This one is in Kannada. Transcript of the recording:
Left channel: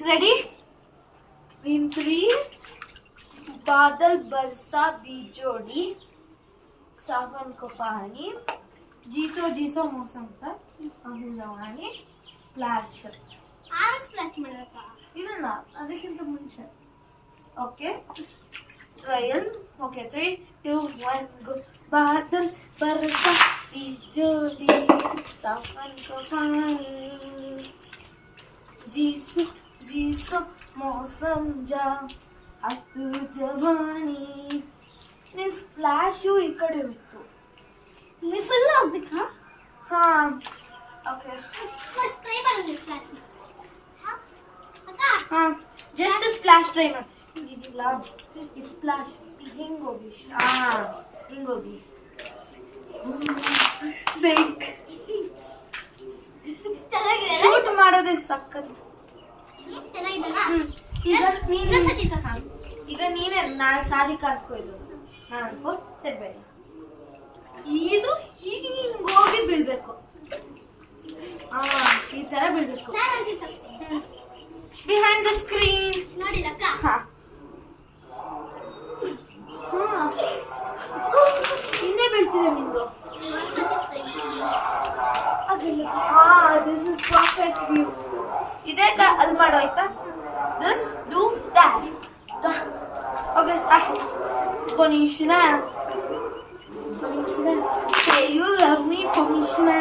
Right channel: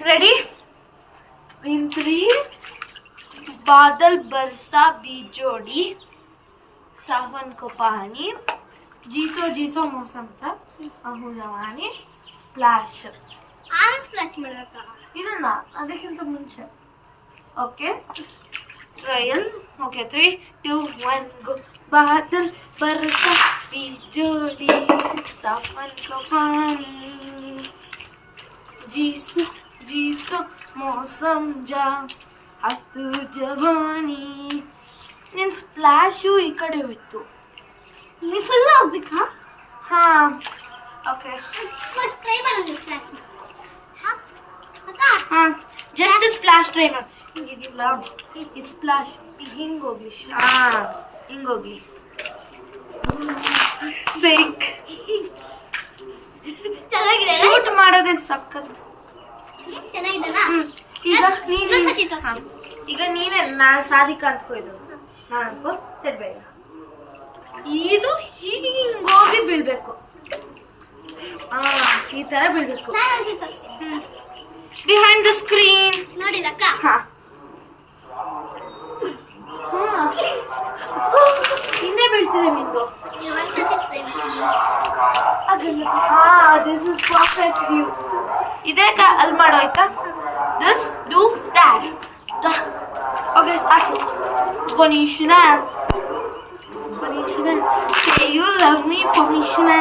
Ready? In 3, बादल बरसा बीजोड़ी, सावन को पानी, जीसो जीसो मौसम था, अहू जवानी, स्प्लैश. ಸ್ಪ್ಲಾಶ್ ಮಾಡಬೇಕಾ? ಇಲ್ಲ ಅದಕ್ಕಿಂತ ಮುಂಚೆ. Okay trial. ಓಕೆ 3, 2, 1 ಗೋ. बादल बरसा बीजोड़ी, सावन को पानी, जीसो जीसो मौसम जा ಹತ್ತು ಜವಾನಿ. ನಿನ್ನ ಸ್ಪ್ಲಾಶು ಈ ಕಡೆ ಹೋಯ್ತು. ನೀವು ಫುಲ್ ಹೋಗ್ಬೇಕಾ? ಹಾಂ ಓಕೆ ಫಸ್ಟ್ ಟ್ರೈ ಮಾಡೋದು ಸ್ಪ್ಲಾಶ್. ಹಾಂ ಜಸ್ಟ್ ಸ್ಪ್ಲಾಶ್ ಟ್ರೈ ಮಾಡಿ. ಹಿಂಗಿದಿಲ್ಲ ಈ ಸ್ಪ್ಲಾಶ್ ಹಿಂಗೆ ಹೋಗ್ಲಿ. ಹಾಂ ಹಿಂಗೆ ಹೋಗ್ಲಿ. ಸಿಕ್ ಚೆನ್ನಾಗಿದೆ. ಶೂಟ್ ಮಾಡೋದೇ ಸಖತ್. ಚೆನ್ನಾಗಿದೆನಾ? ಈಗ ಇನ್ನೊಂದ್ಸತಿ ತೋರ್ಸಿ. ಈಗ ನೀನೇ ಸಾಧಿಕ ಅಂದ್ಕೋ. ಇದು ನಾನು ಅನ್ಕೋ ಸರಿ ಬೇಡ. ಇದು ಹೀಗೆ ಹೋಗಿ ಬೀಳ್ಬೇಕು. ಈ ತರ ಬೀಳ್ಬೇಕು. ನಾನೊಂದ್ಸತಿ ತೋರಿಸ್ತೀನಿ. ಬಿಹೈಂಡ್ ದ ಸ್ಕ್ರೀನ್ ನೋಡಿಲ್ಲಕ್ಕ? ಹಿಂದೆ ಬೀಳ್ತಿದೆ ನಿಂದು. ನೀವು ಒಂದ್ಸತಿ ಟ್ರೈ ಮಾಡಿ. This is perfect view. ಇದೇ ಅಲ್ಲಿ ಮಾಡೋ ಆಯ್ತಾ? This do that. ಓಕೆ ಸಾಕು. Bonishna. Say you love me, Bonishna.